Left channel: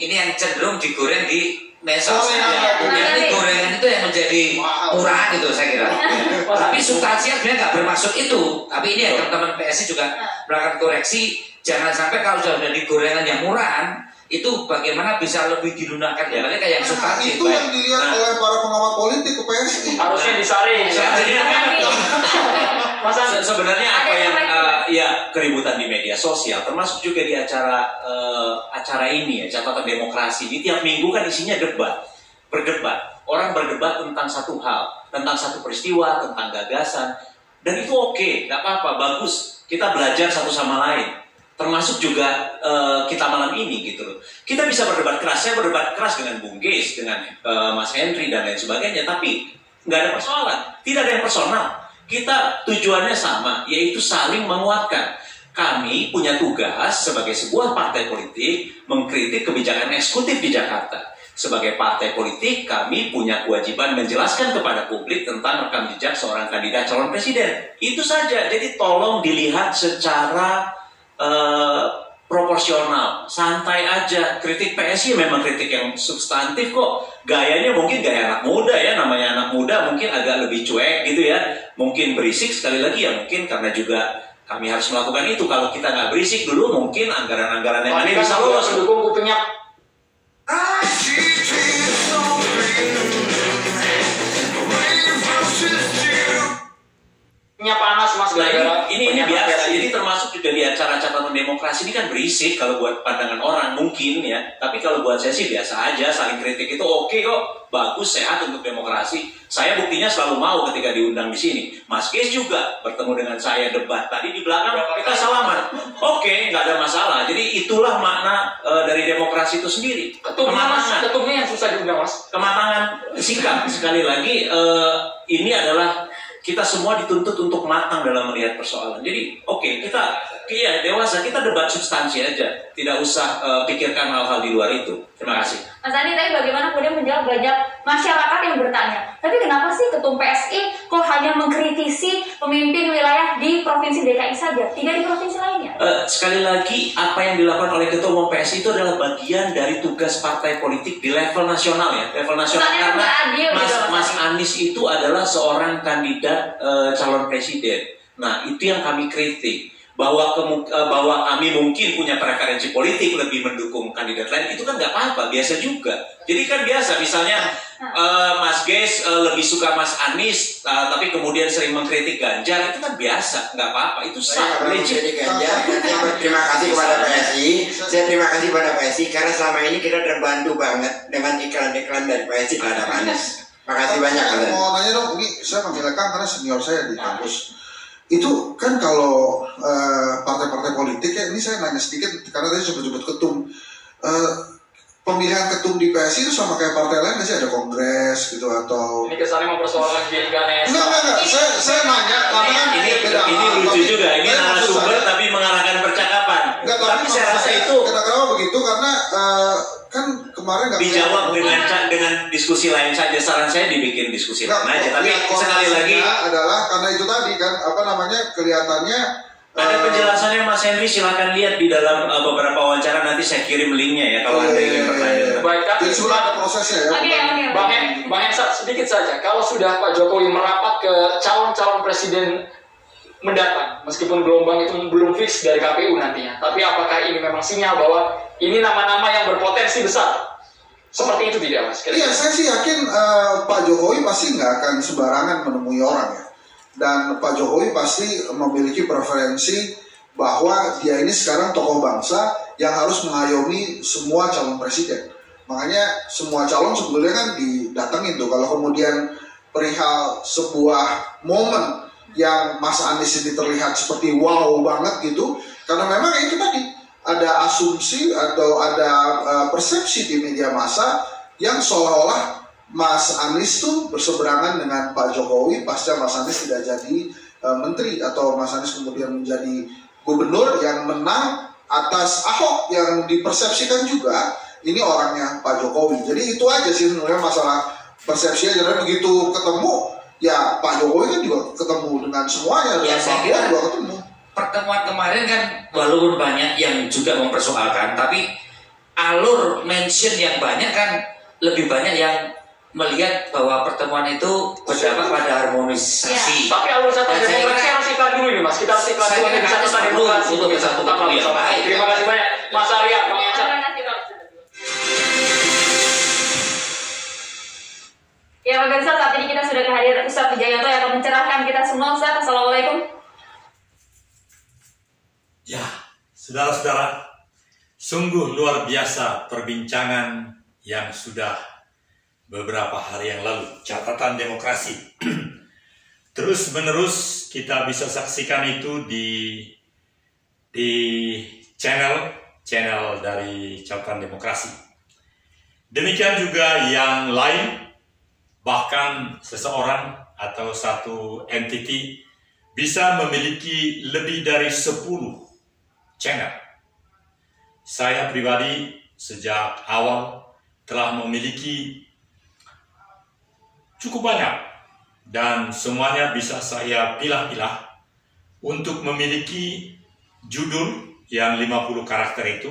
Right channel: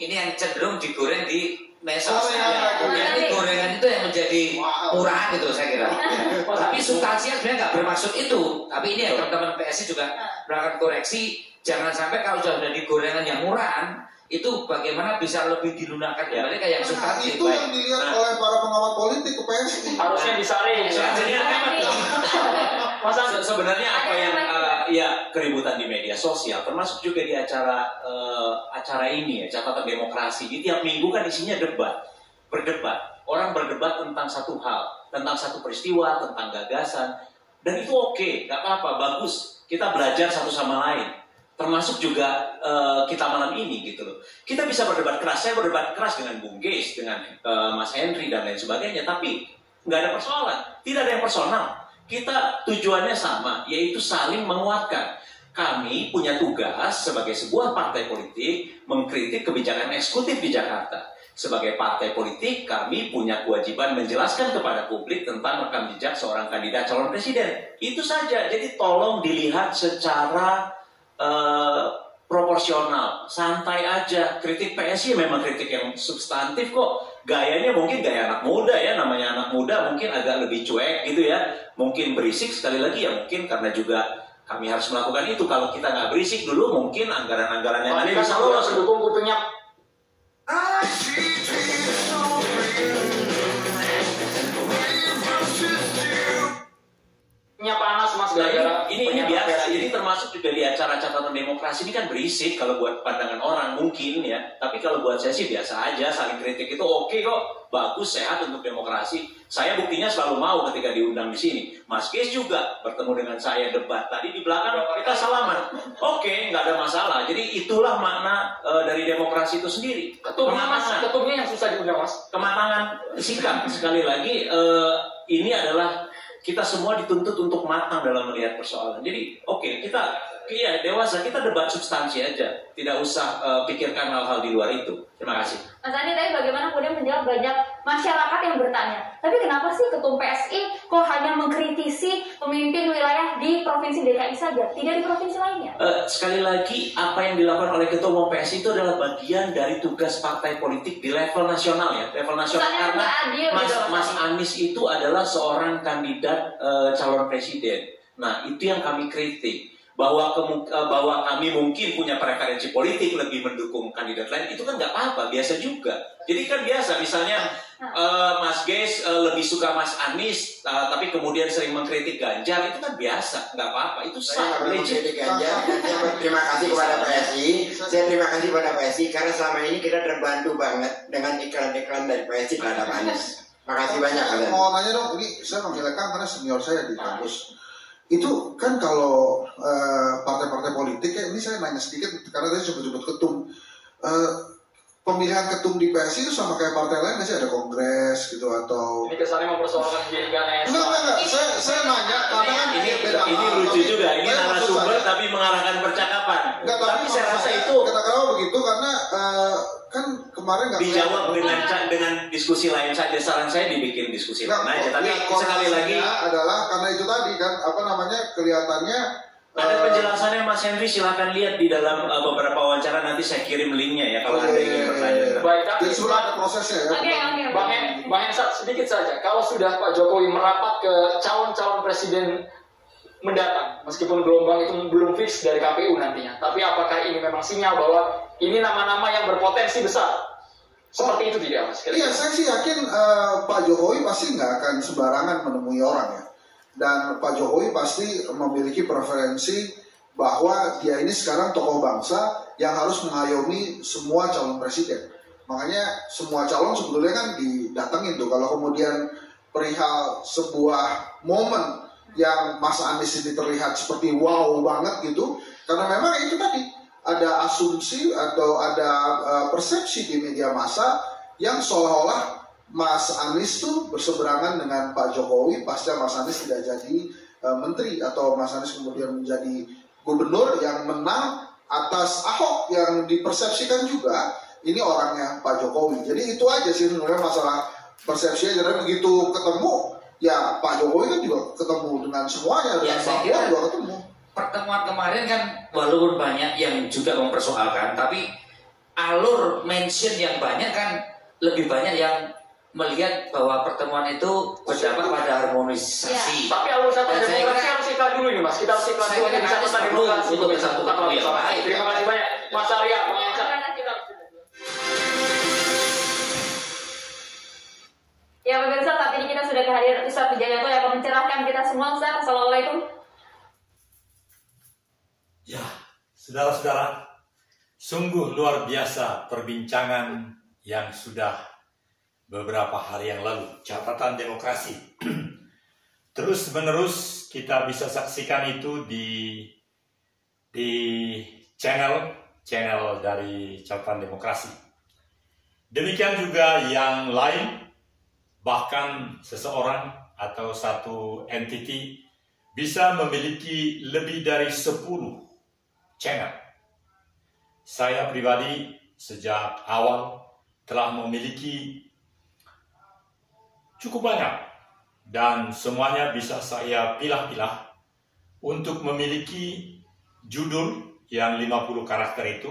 ini yang cenderung digoreng di medsos. Jadi gorengan itu yang menjadi murahan itu saya kira. Tapi substansinya sebenarnya nggak bermaksud itu. Tapi ini ya teman-teman PSI juga melakukan koreksi. Jangan sampai kalau sudah menjadi gorengan yang murahan, itu bagaimana bisa lebih dilunakkan ya, kayak yang substansi. Itu yang dilihat oleh para pengamat politik ke PSI. Harusnya disaring. Sebenarnya apa yang ya keributan di media sosial, termasuk juga di acara ini ya, catatan demokrasi. Ini tiap minggu kan isinya berdebat. Orang berdebat tentang satu hal, tentang satu peristiwa, tentang gagasan, dan itu oke, nggak apa-apa, bagus. Kita belajar satu sama lain. Termasuk juga kita malam ini gitu loh. Kita bisa berdebat keras. Saya berdebat keras dengan Bung Geis, dengan Mas Henry dan lain sebagainya. Tapi nggak ada persoalan. Tidak ada yang personal. Kita tujuannya sama, yaitu saling menguatkan. Kami punya tugas sebagai sebuah partai politik mengkritik kebijakan eksekutif di Jakarta. Sebagai partai politik, kami punya kewajiban menjelaskan kepada publik tentang rekam jejak seorang kandidat calon presiden. Itu saja. Jadi tolong dilihat secara proporsional, santai aja. Kritik PSI memang kritik yang substantif kok. Gayanya mungkin gaya anak muda ya, namanya anak muda mungkin agak lebih cuek gitu ya. Mungkin berisik sekali lagi ya, mungkin karena juga kami harus melakukan itu. Kalau kita nggak berisik dulu, mungkin anggaran-anggaran yang ada bisa lolos. Mendukung kupingnya. Panas mas. Nah ini biasa. Jadi termasuk juga di acara catatan demokrasi ini kan berisik kalau buat pandangan orang mungkin ya. Tapi kalau buat saya sih biasa aja, saling kritik itu oke kok, bagus, sehat untuk demokrasi. Saya buktinya selalu mau ketika diundang di sini. Mas Geis juga bertemu dengan saya debat tadi di belakang kita salaman. Oke, nggak ada masalah. Jadi itulah makna dari demokrasi itu sendiri. Ketumnya yang susah diundang mas. Kematangan sikap sekali lagi ini adalah kita semua dituntut untuk matang dalam melihat persoalan. Jadi, oke, kita dewasa, kita debat substansi aja. Tidak usah pikirkan hal-hal di luar itu. Terima kasih. Mas Andi, tadi bagaimana kemudian menjawab banyak masyarakat yang bertanya, tapi kenapa sih Ketum PSI kok hanya mengkritisi pemimpin wilayah di Provinsi DKI saja, tidak di provinsi lainnya? Sekali lagi, apa yang dilakukan oleh Ketua Umum PSI itu adalah bagian dari tugas partai politik di level nasional ya. Level nasional, karena Mas Anies itu adalah seorang kandidat calon presiden. Nah, itu yang kami kritik. Bahwa kami mungkin punya preferensi politik lebih mendukung kandidat lain, itu kan nggak apa-apa, biasa juga. Jadi kan biasa, misalnya Mas Geis lebih suka Mas Anies, tapi kemudian sering mengkritik Ganjar, itu kan biasa, nggak apa-apa, itu sah, legit. Terima kasih kepada PSI, saya terima kasih kepada PSI karena selama ini kita terbantu banget dengan iklan-iklan dari PSI terhadap Anies. Makasih banyak. Mau nanya dong, ini saya manggilnya Kang karena senior saya di kampus. Itu kan kalau partai-partai politik ya, ini saya nanya sedikit karena tadi sebut-sebut ketum, pemilihan ketum di PSI itu sama kayak partai lain nggak sih, ada kongres gitu atau? Ini kesannya mempersoalkan Giring Ganesha. Enggak, saya nanya karena ini lucu juga, ini narasumber tapi mengarahkan percakapan. Enggak, tapi saya rasa itu kenapa begitu karena kan kemarin nggak dijawab dengan diskusi lain saja. Saran saya dibikin diskusi lain aja. Tapi sekali lagi adalah karena itu tadi kan apa namanya kelihatannya ada penjelasannya Mas Henry, silakan lihat di dalam beberapa wawancara, nanti saya kirim linknya ya kalau ada yang bertanya. Baik, jadi sudah ada prosesnya ya. Bang Hensa, sedikit saja. Kalau sudah Pak Jokowi merapat ke calon-calon presiden mendatang, meskipun gelombang itu belum fix dari KPU nantinya, tapi apakah ini memang sinyal bahwa ini nama-nama yang berpotensi besar? Seperti itu tidak Mas? Iya, saya sih yakin Pak Jokowi pasti nggak akan sembarangan menemui orang ya. Dan Pak Jokowi pasti memiliki preferensi bahwa dia ini sekarang tokoh bangsa yang harus mengayomi semua calon presiden. Makanya semua calon sebetulnya kan didatengin tuh. Kalau kemudian perihal sebuah momen yang Mas Anies ini terlihat seperti wow banget gitu, karena memang itu tadi ada asumsi atau ada persepsi di media massa yang seolah-olah Mas Anies tuh berseberangan dengan Pak Jokowi pasca Mas Anies tidak jadi menteri atau Mas Anies kemudian menjadi gubernur yang menang atas Ahok yang dipersepsikan juga ini orangnya Pak Jokowi. Jadi itu aja sih sebenarnya masalah persepsi aja. Dan begitu ketemu ya Pak Jokowi kan juga ketemu dengan semuanya dan saya kira juga ketemu. Pertemuan kemarin kan walaupun banyak yang juga mempersoalkan, tapi alur mention yang banyak kan lebih banyak yang melihat bahwa pertemuan itu berdampak pada harmonisasi. Tapi alur catatan Dan saya demokrasi kira- harus iklan dulu ini Mas. Kita harus iklan Saya dulu kira di harus catatan perlu demokrasi. untuk Kita satu tetap pemilu yang bersama. baik. Terima kasih banyak Mas Arya, Bang Yansa. Ya pemirsa, saat ini kita sudah kehadiran Ustaz Wijayanto yang akan mencerahkan kita semua. Ustaz, Assalamualaikum. Ya, saudara-saudara, sungguh luar biasa perbincangan yang sudah beberapa hari yang lalu, catatan demokrasi. Terus-menerus kita bisa saksikan itu di channel dari catatan demokrasi. Demikian juga yang lain, bahkan seseorang atau satu entiti bisa memiliki lebih dari 10 channel. Saya pribadi sejak awal telah memiliki cukup banyak dan semuanya bisa saya pilah-pilah untuk memiliki judul yang 50 karakter itu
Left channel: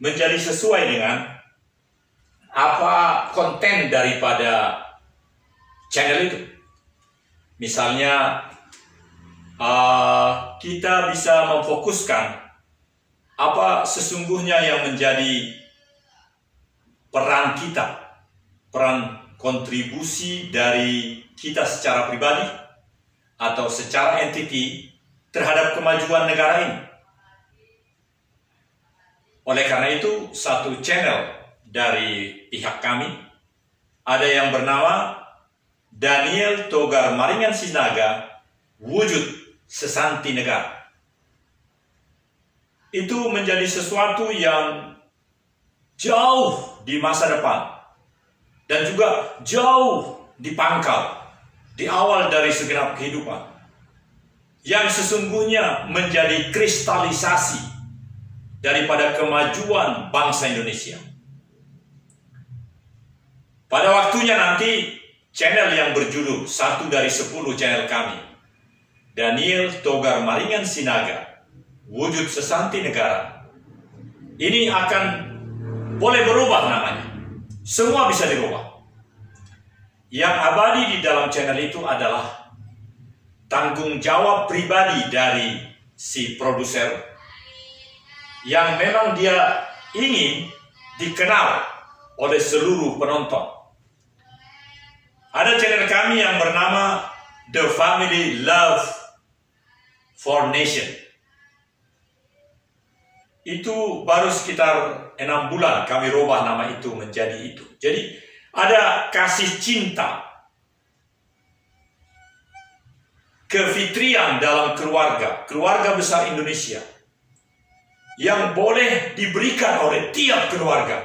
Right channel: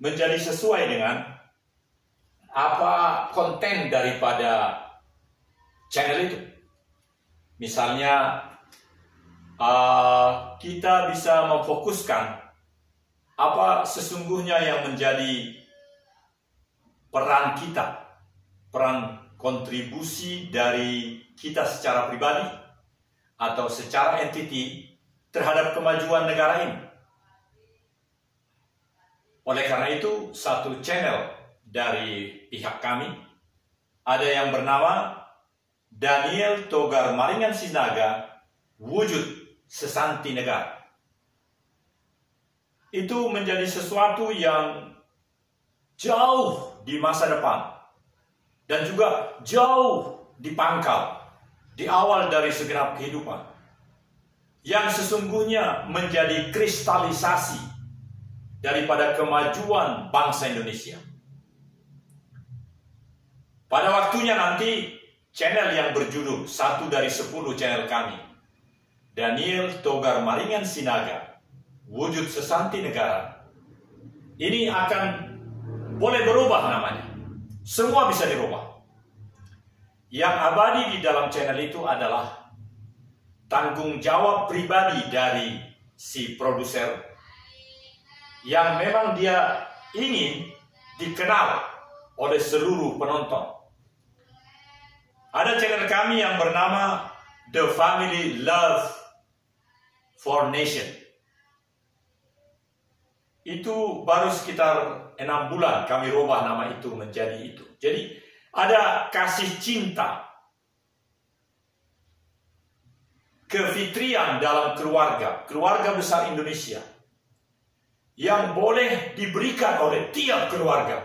menjadi sesuai dengan apa konten daripada channel itu. Misalnya kita bisa memfokuskan apa sesungguhnya yang menjadi peran kita, peran kontribusi dari kita secara pribadi atau secara entiti terhadap kemajuan negara ini. Oleh karena itu, satu channel dari pihak kami ada yang bernama Daniel Togar Maringan Sinaga, Wujud Sesanti Negara. Itu menjadi sesuatu yang jauh di masa depan dan juga jauh di pangkal, di awal dari segenap kehidupan, yang sesungguhnya menjadi kristalisasi daripada kemajuan bangsa Indonesia. Pada waktunya nanti, channel yang berjudul satu dari 10 channel kami, Daniel Togar Maringan Sinaga, Wujud Sesanti Negara, ini akan boleh berubah namanya. Semua bisa dirubah. Yang abadi di dalam channel itu adalah tanggung jawab pribadi dari si produser yang memang dia ingin dikenal oleh seluruh penonton. Ada channel kami yang bernama The Family Love for Nation. Itu baru sekitar 6 bulan kami rubah nama itu menjadi itu. Jadi ada kasih cinta, kefitrian dalam keluarga besar Indonesia yang boleh diberikan oleh tiap keluarga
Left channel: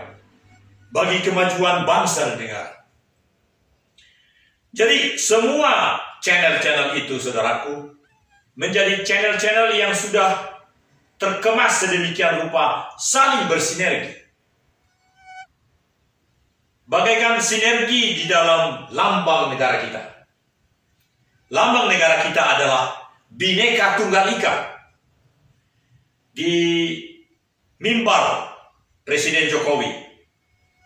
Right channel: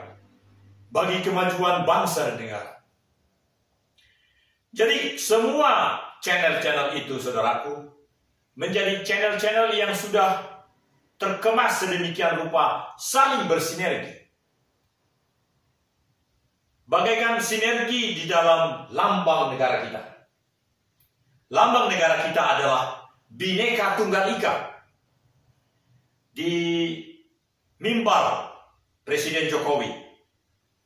bagi kemajuan bangsa dan negara. Jadi semua channel-channel itu, saudaraku, menjadi channel-channel yang sudah terkemas sedemikian rupa saling bersinergi. Bagaikan sinergi di dalam lambang negara kita. Lambang negara kita adalah Bhinneka Tunggal Ika. Di mimbar Presiden Jokowi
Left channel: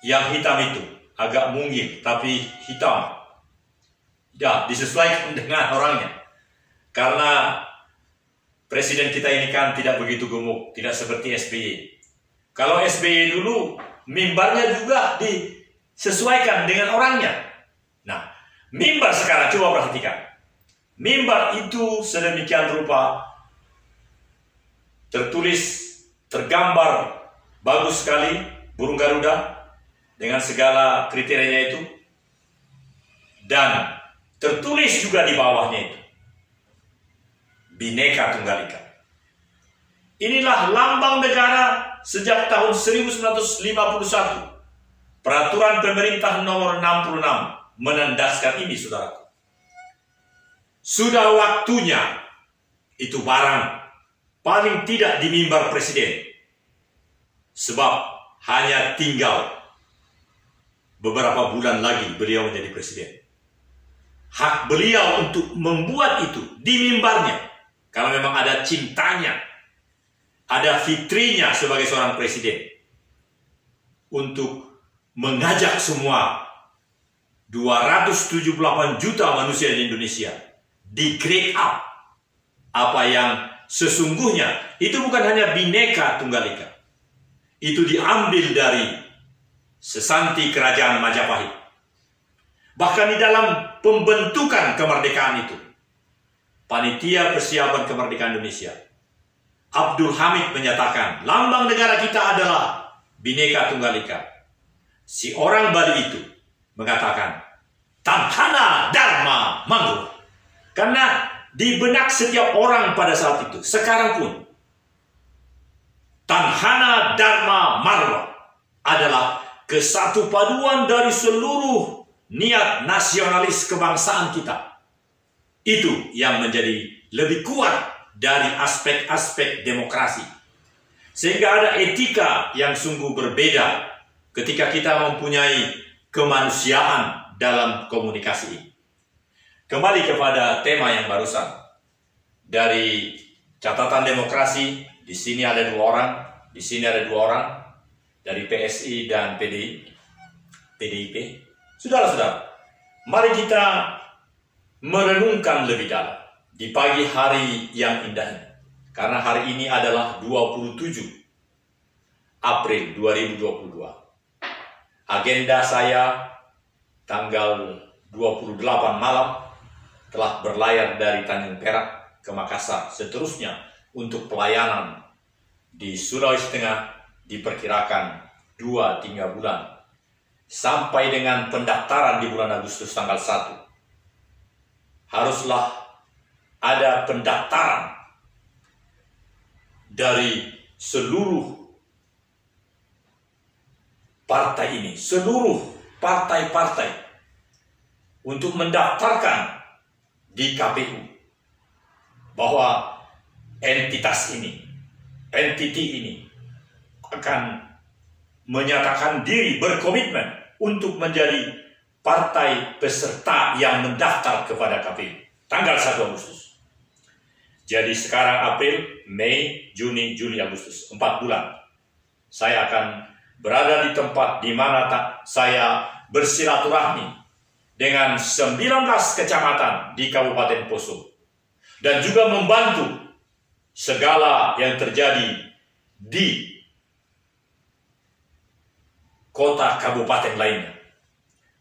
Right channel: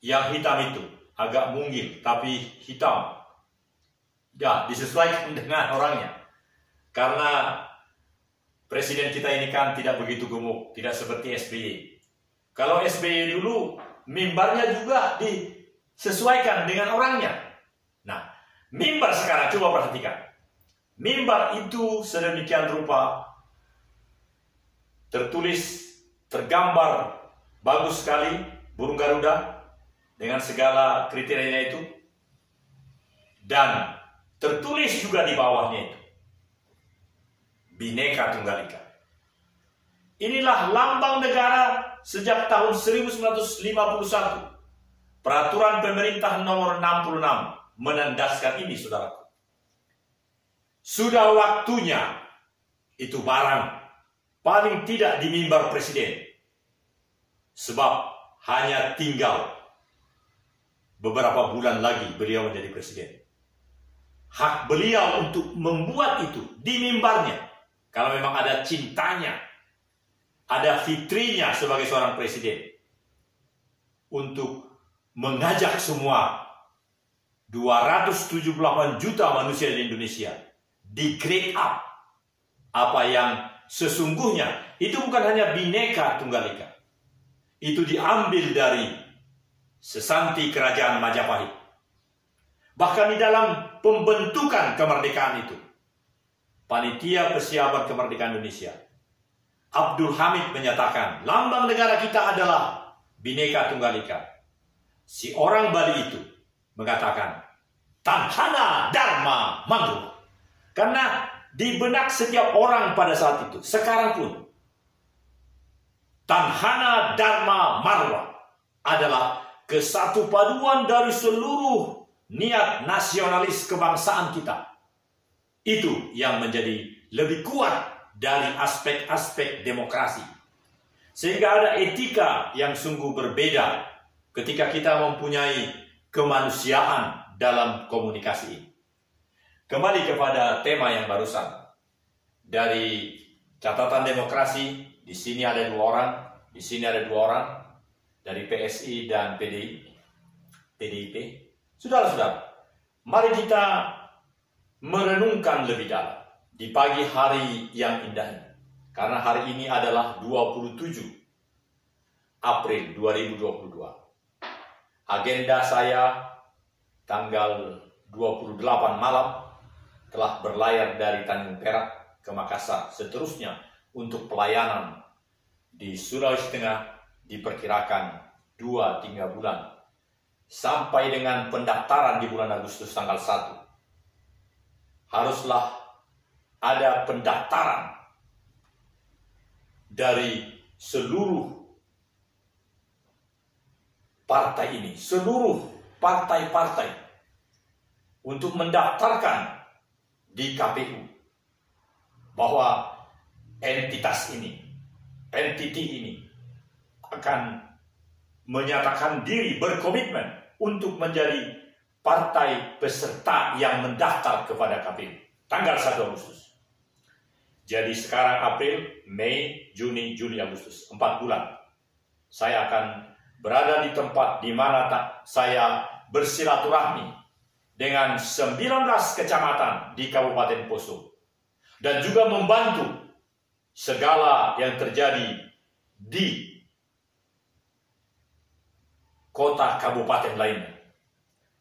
yang hitam itu, agak mungil tapi hitam. Ya, disesuaikan dengan orangnya. Karena Presiden kita ini kan tidak begitu gemuk, tidak seperti SBY. Kalau SBY dulu, mimbarnya juga disesuaikan dengan orangnya. Nah, mimbar sekarang, coba perhatikan. Mimbar itu sedemikian rupa, tertulis, tergambar, bagus sekali, burung Garuda, dengan segala kriterianya itu. Dan tertulis juga di bawahnya itu, Bhinneka Tunggal Ika. Inilah lambang negara sejak tahun 1951. Peraturan Pemerintah nomor 66 menandaskan ini, saudaraku. Sudah waktunya itu barang paling tidak di mimbar Presiden. Sebab hanya tinggal beberapa bulan lagi beliau menjadi Presiden. Hak beliau untuk membuat itu di mimbarnya. Kalau memang ada cintanya, ada fitrinya sebagai seorang presiden. untuk mengajak semua 278 juta manusia di Indonesia di grade up apa yang sesungguhnya. Itu bukan hanya Bhinneka Tunggal Ika, itu diambil dari sesanti kerajaan Majapahit. Bahkan di dalam pembentukan kemerdekaan itu, Panitia Persiapan Kemerdekaan Indonesia, Abdul Hamid menyatakan lambang negara kita adalah Bhinneka Tunggal Ika. Si orang Bali itu mengatakan Tanhana Dharma Mangro. Karena di benak setiap orang pada saat itu, sekarang pun, Tanhana Dharma Marwa adalah kesatu paduan dari seluruh niat nasionalis kebangsaan kita. Itu yang menjadi lebih kuat dari aspek-aspek demokrasi. Sehingga ada etika yang sungguh berbeda ketika kita mempunyai kemanusiaan dalam komunikasi ini. Kembali kepada tema yang barusan. Dari catatan demokrasi, di sini ada 2 orang, di sini ada 2 orang, dari PSI dan PDIP. Saudara-saudara, mari kita merenungkan lebih dalam di pagi hari yang indah ini. Karena hari ini adalah 27 April 2022. Agenda saya tanggal 28 malam telah berlayar dari Tanjung Perak ke Makassar. Seterusnya untuk pelayanan di Sulawesi Tengah diperkirakan 2-3 bulan. Sampai dengan pendaftaran di bulan Agustus tanggal 1. Haruslah ada pendaftaran dari seluruh partai ini, seluruh partai-partai untuk mendaftarkan di KPU bahwa entitas ini, entiti ini akan menyatakan diri berkomitmen untuk menjadi partai peserta yang mendaftar kepada KPU tanggal 1 Agustus. Jadi sekarang April, Mei, Juni, Juli, Agustus, 4 bulan. Saya akan berada di tempat di mana saya bersilaturahmi dengan 19 kecamatan di Kabupaten Poso dan juga membantu segala yang terjadi di kota kabupaten lainnya.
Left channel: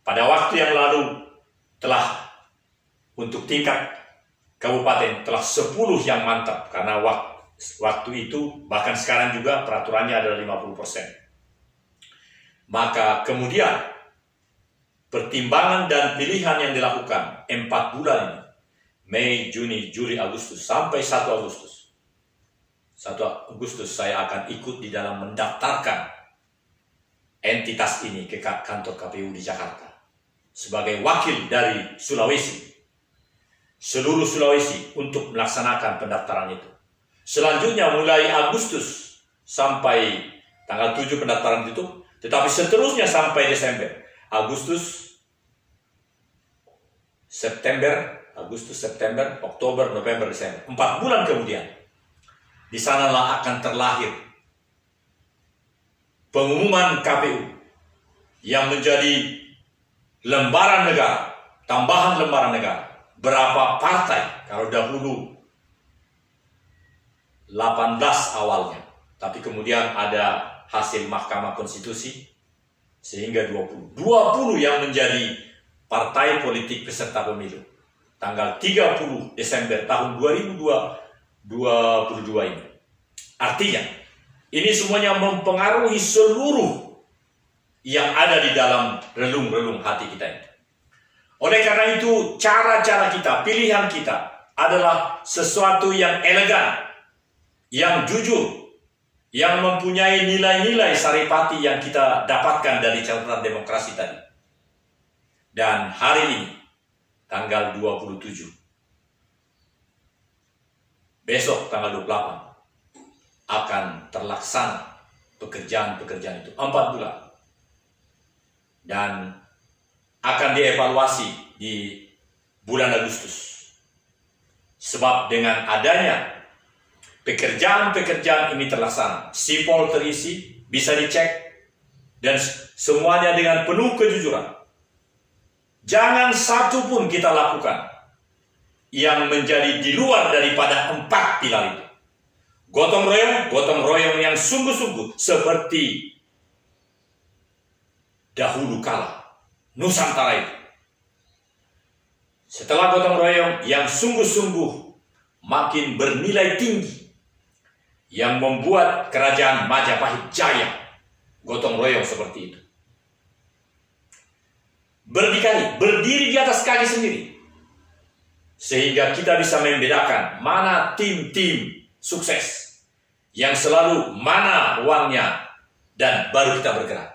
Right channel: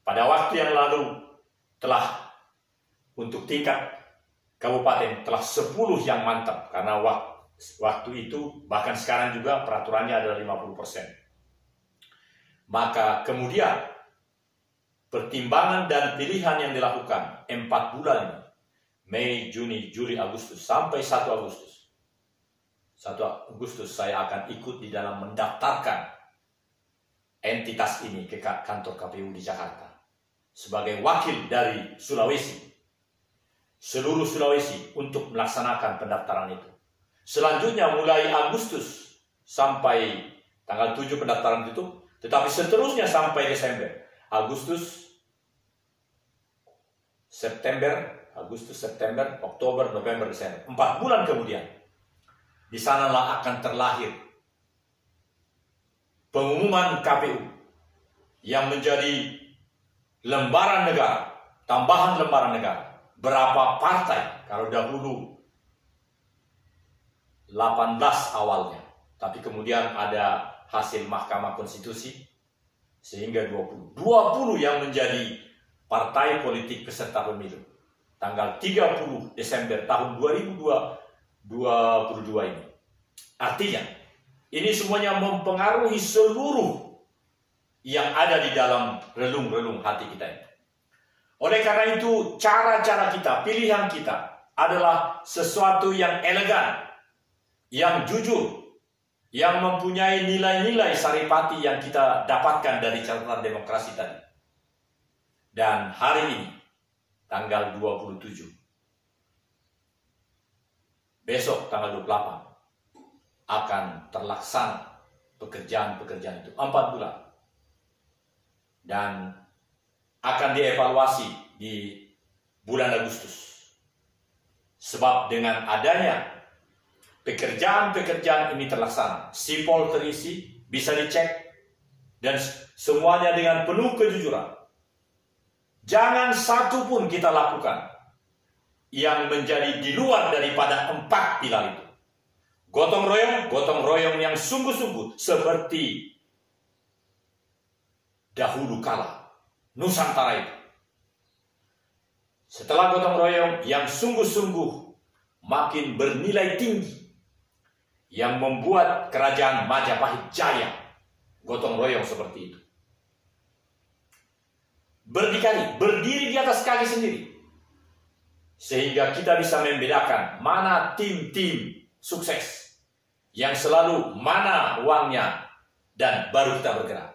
Pada waktu yang lalu telah untuk tingkat kabupaten telah 10 yang mantap karena waktu itu bahkan sekarang juga peraturannya adalah 50%. Maka kemudian pertimbangan dan pilihan yang dilakukan 4 bulan ini, Mei, Juni, Juli, Agustus sampai 1 Agustus. 1 Agustus saya akan ikut di dalam mendaftarkan entitas ini ke kantor KPU di Jakarta sebagai wakil dari Sulawesi, seluruh Sulawesi untuk melaksanakan pendaftaran itu. Selanjutnya mulai Agustus sampai tanggal 7 pendaftaran ditutup, tetapi seterusnya sampai Desember. Agustus, September, Oktober, November, Desember. 4 bulan kemudian, di sanalah akan terlahir pengumuman KPU yang menjadi lembaran negara, tambahan lembaran negara. Berapa partai, kalau dahulu 18 awalnya, tapi kemudian ada hasil Mahkamah Konstitusi, sehingga 20 yang menjadi partai politik peserta pemilu tanggal 30 Desember tahun 2022 ini. Artinya ini semuanya mempengaruhi seluruh yang ada di dalam relung-relung hati kita ini. Oleh karena itu cara-cara kita, pilihan kita adalah sesuatu yang elegan, yang jujur, yang mempunyai nilai-nilai saripati yang kita dapatkan dari catatan demokrasi tadi. Dan hari ini, tanggal 27, besok tanggal 28, akan terlaksana pekerjaan-pekerjaan itu 4 bulan. Dan akan dievaluasi di bulan Agustus. Sebab dengan adanya pekerjaan-pekerjaan ini terlaksana, sipol terisi, bisa dicek, dan semuanya dengan penuh kejujuran. Jangan satu pun kita lakukan yang menjadi di luar daripada 4 pilar itu. Gotong royong yang sungguh-sungguh seperti dahulu kala Nusantara itu. Setelah gotong royong yang sungguh-sungguh makin bernilai tinggi, yang membuat kerajaan Majapahit jaya, gotong royong seperti itu. Berdikari, berdiri di atas kaki sendiri, sehingga kita bisa membedakan mana tim-tim sukses yang selalu mana uangnya, dan baru kita bergerak.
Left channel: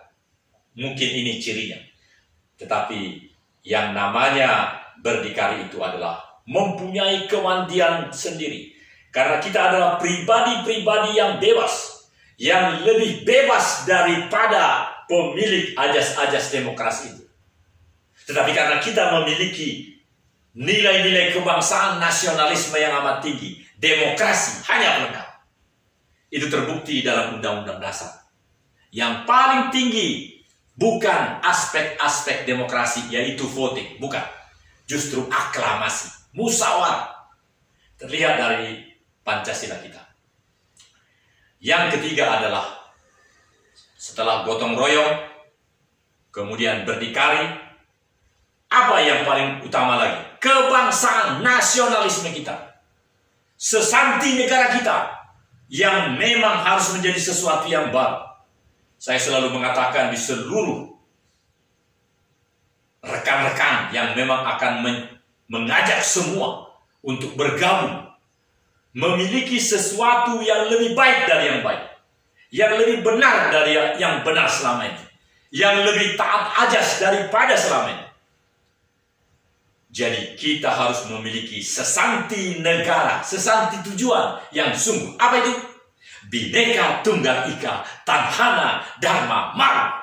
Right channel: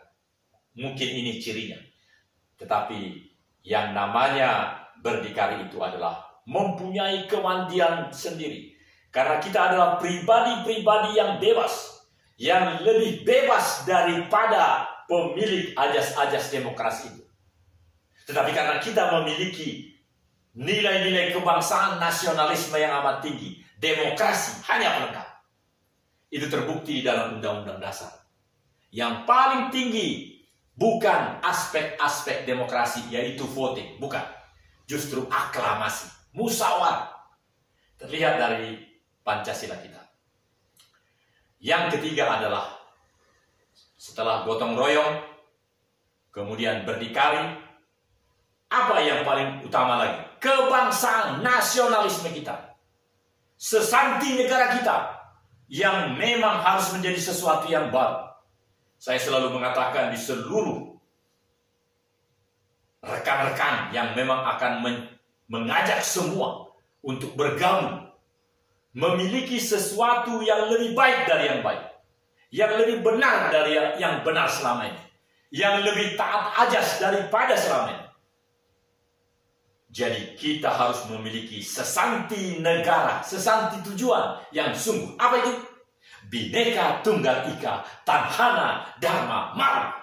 Mungkin ini cirinya. Tetapi yang namanya berdikari itu adalah mempunyai kemandirian sendiri. Karena kita adalah pribadi-pribadi yang bebas, yang lebih bebas daripada pemilik ajas-ajas demokrasi itu. Tetapi karena kita memiliki nilai-nilai kebangsaan, nasionalisme yang amat tinggi, demokrasi hanya pelengkap. Itu terbukti dalam Undang-Undang Dasar. Yang paling tinggi bukan aspek-aspek demokrasi, yaitu voting, bukan. Justru aklamasi, musyawarah. Terlihat dari Pancasila kita. Yang ketiga adalah setelah gotong royong, kemudian berdikari, apa yang paling utama lagi? Kebangsaan, nasionalisme kita. Sesanti negara kita yang memang harus menjadi sesuatu yang baru. Saya selalu mengatakan di seluruh rekan-rekan yang memang akan mengajak semua untuk bergabung, memiliki sesuatu yang lebih baik dari yang baik, yang lebih benar dari yang benar selama ini, yang lebih taat ajas daripada selama ini. Jadi kita harus memiliki sesanti negara, sesanti tujuan yang sungguh. Apa itu? Bhinneka Tunggal Ika, Tanhana Dharma Mangro.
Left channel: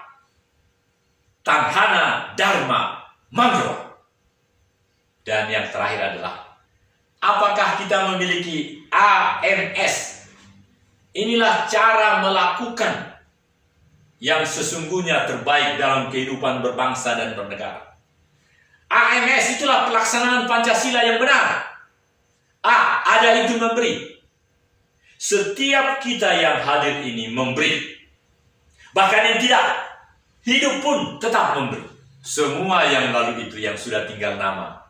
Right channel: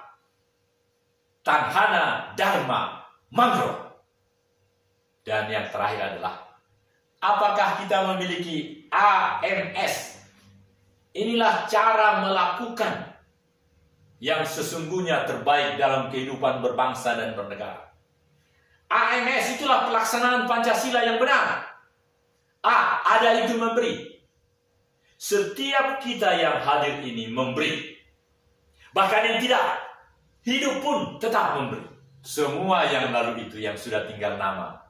Tanhana Dharma Mangro. Dan yang terakhir adalah, apakah kita memiliki AMS? Inilah cara melakukan yang sesungguhnya terbaik dalam kehidupan berbangsa dan bernegara. AMS itulah pelaksanaan Pancasila yang benar. Ada itu memberi. Setiap kita yang hadir ini memberi. Bahkan yang tidak hidup pun tetap memberi. Semua yang lalu itu yang sudah tinggal nama,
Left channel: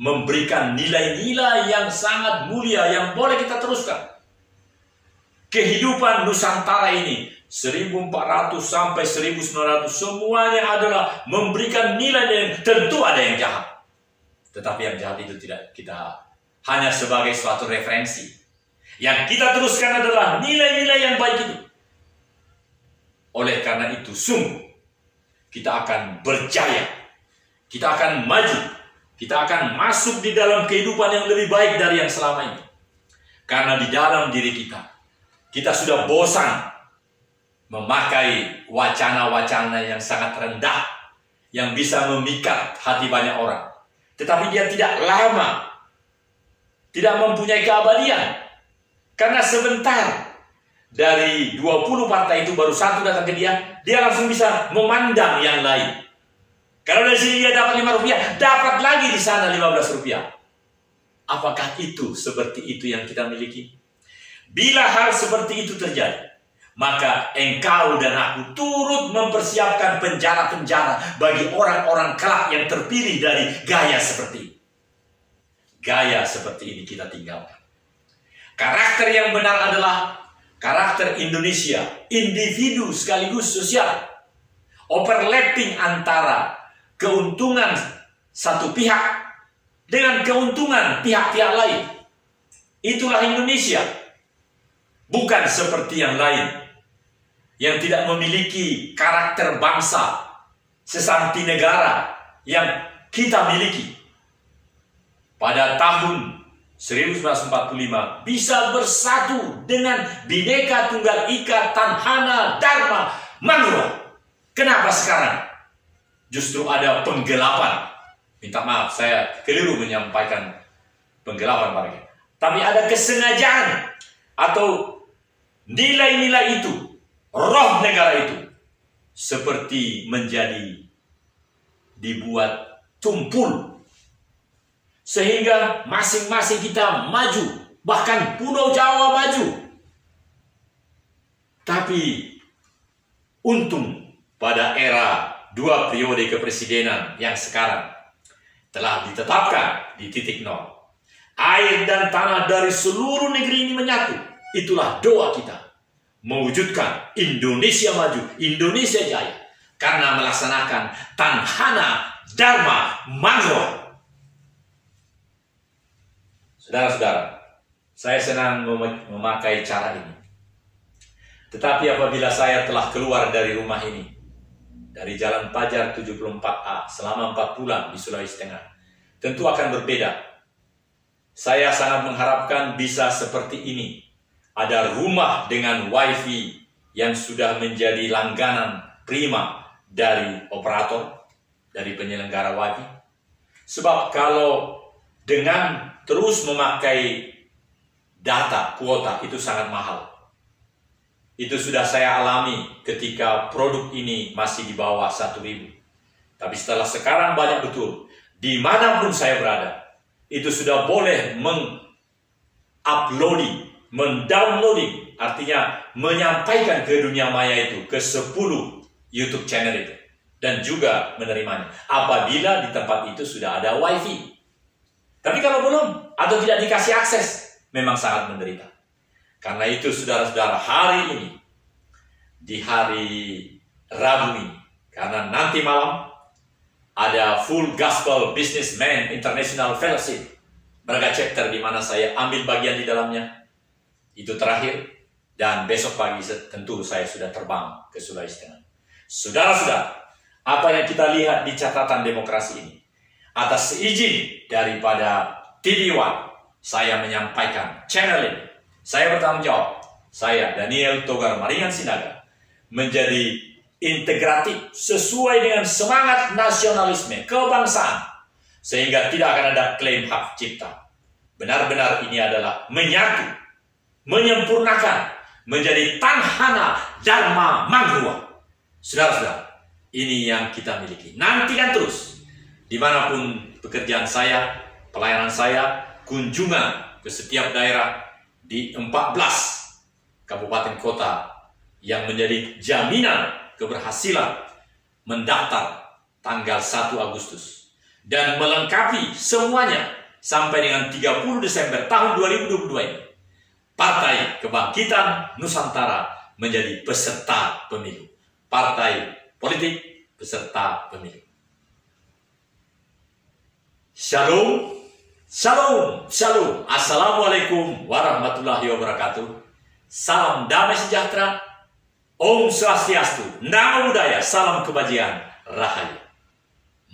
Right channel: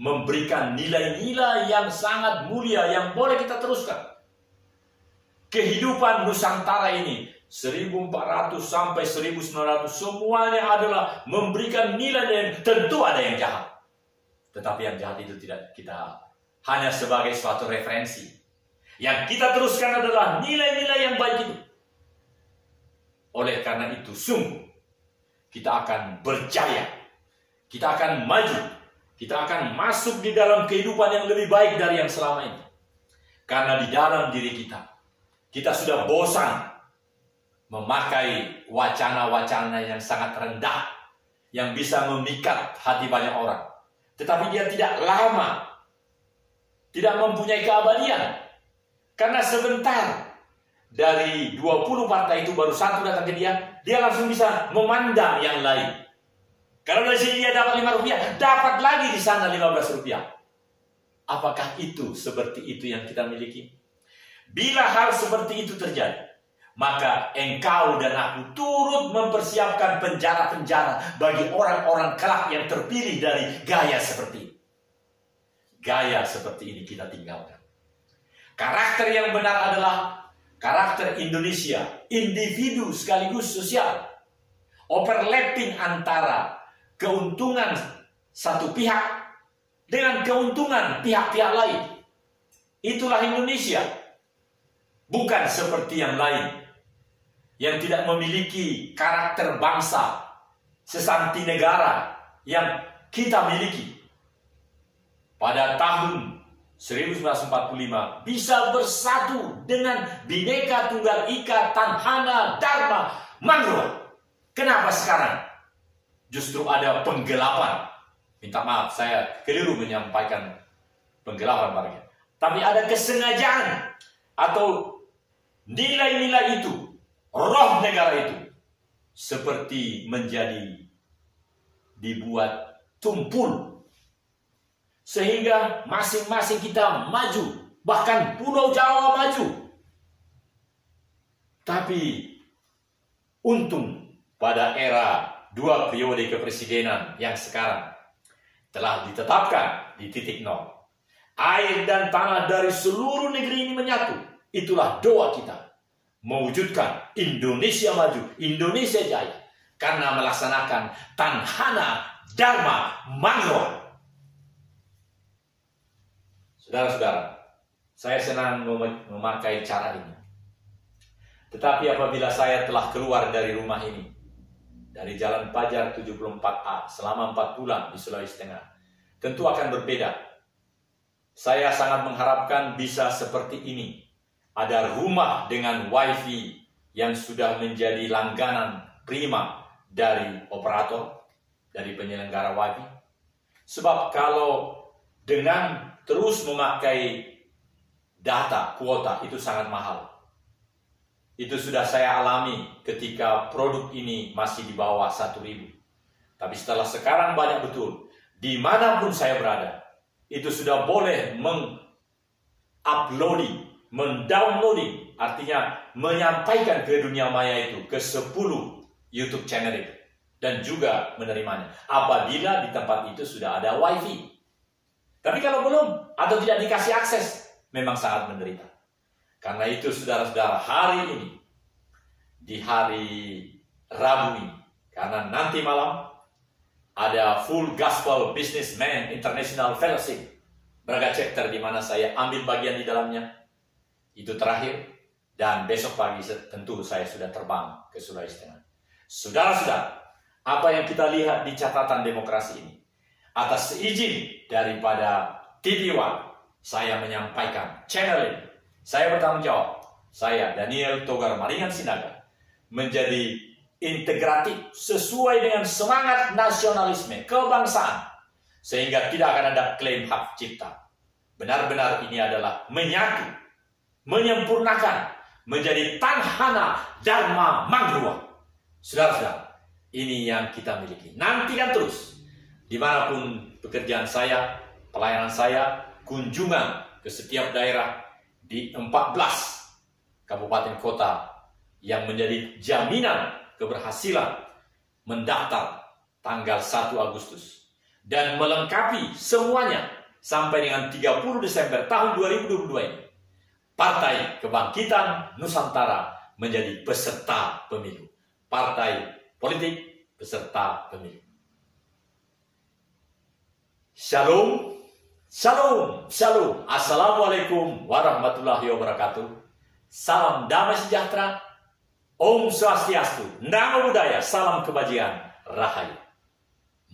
memberikan nilai-nilai yang sangat mulia yang boleh kita teruskan. Kehidupan Nusantara ini 1400 sampai 1900 semuanya adalah memberikan nilai yang tentu ada yang jahat. Tetapi yang jahat itu tidak kita hanya sebagai suatu referensi. Yang kita teruskan adalah nilai-nilai yang baik itu. Oleh karena itu sungguh kita akan berjaya. Kita akan maju. Kita akan masuk di dalam kehidupan yang lebih baik dari yang selama ini. Karena di dalam diri kita sudah bosan memakai wacana-wacana yang sangat rendah, yang bisa memikat hati banyak orang. Tetapi dia tidak lama, tidak mempunyai keabadian. Karena sebentar, dari 20 partai itu baru satu datang ke dia langsung bisa memandang yang lain. Kalau dari sini dia dapat Rp5, dapat lagi di sana Rp15. Apakah itu seperti itu yang kita miliki? Bila hal seperti itu terjadi, maka engkau dan aku turut mempersiapkan penjara-penjara bagi orang-orang kelak yang terpilih dari gaya seperti ini. Gaya seperti ini kita tinggalkan. Karakter yang benar adalah karakter Indonesia, individu sekaligus sosial. Overlapping antara keuntungan satu pihak dengan keuntungan pihak-pihak lain. Itulah Indonesia. Bukan seperti yang lain yang tidak memiliki karakter bangsa, sesanti negara yang kita miliki. Pada tahun 1945 bisa bersatu dengan Bhinneka Tunggal Ika, Tanhana Dharma Mangro. Kenapa sekarang justru ada penggelapan? Minta maaf, saya keliru menyampaikan penggelapan Pak. Tapi ada kesengajaan atau nilai-nilai itu, roh negara itu seperti menjadi dibuat tumpul, sehingga masing-masing kita maju, bahkan Pulau Jawa maju. Tapi untung pada era 2 periode kepresidenan yang sekarang telah ditetapkan di titik nol. Air dan tanah dari seluruh negeri ini menyatu. Itulah doa kita, mewujudkan Indonesia maju, Indonesia jaya, karena melaksanakan Tanhana Dharma Mangrua. Saudara-saudara, saya senang memakai cara ini. Tetapi apabila saya telah keluar dari rumah ini, dari Jalan Pajar 74A selama 4 bulan di Sulawesi Tengah, tentu akan berbeda. Saya sangat mengharapkan bisa seperti ini. Ada rumah dengan wifi yang sudah menjadi langganan prima dari operator, dari penyelenggara wifi. Sebab kalau dengan terus memakai data, kuota, itu sangat mahal. Itu sudah saya alami ketika produk ini masih di bawah 1.000. Tapi setelah sekarang banyak betul, dimanapun saya berada, itu sudah boleh menguploading, mendownloading, artinya menyampaikan ke dunia maya itu, ke 10 YouTube channel itu, dan juga menerimanya apabila di tempat itu sudah ada wifi. Tapi kalau belum atau tidak dikasih akses, memang sangat menderita. Karena itu saudara-saudara, hari ini, di hari Rabu ini, karena nanti malam ada Full Gospel Businessman International Fellowship, Braga Chapter, di mana saya ambil bagian di dalamnya. Itu terakhir, dan besok pagi tentu saya sudah terbang ke Sulawesi Tengah. Saudara-saudara, apa yang kita lihat di catatan demokrasi ini, atas seizin daripada TV One, saya menyampaikan channel ini. Saya bertanggung jawab, saya Daniel Togar Maringan Sinaga, menjadi integratif sesuai dengan semangat nasionalisme kebangsaan, sehingga tidak akan ada klaim hak cipta. Benar-benar ini adalah menyatu, menyempurnakan, menjadi Tanhana Dharma Mangrua. Saudara-saudara, ini yang kita miliki. Nantikan terus, dimanapun pekerjaan saya, pelayanan saya, kunjungan ke setiap daerah, di 14 kabupaten kota yang menjadi jaminan keberhasilan mendaftar tanggal 1 Agustus dan melengkapi semuanya sampai dengan 30 Desember tahun 2022 ini. Partai Kebangkitan Nusantara menjadi peserta pemilu. Partai politik peserta pemilu. Shalom. Shalom, shalom. Assalamualaikum warahmatullahi wabarakatuh. Salam damai sejahtera. Om Swastiastu. Namo Buddhaya. Salam kebajikan. Rahayu.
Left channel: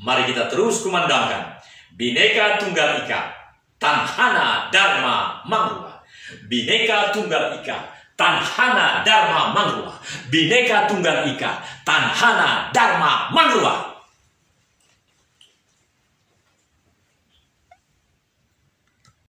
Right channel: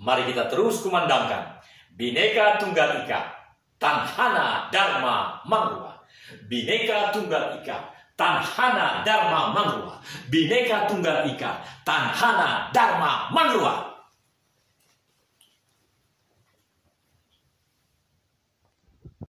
Mari kita terus kumandangkan Bhinneka Tunggal Ika, Tanhana Dharma Mangrua. Bhinneka Tunggal Ika, Tanhana Dharma Mangrua. Bhinneka Tunggal Ika, Tanhana Dharma Mangrua.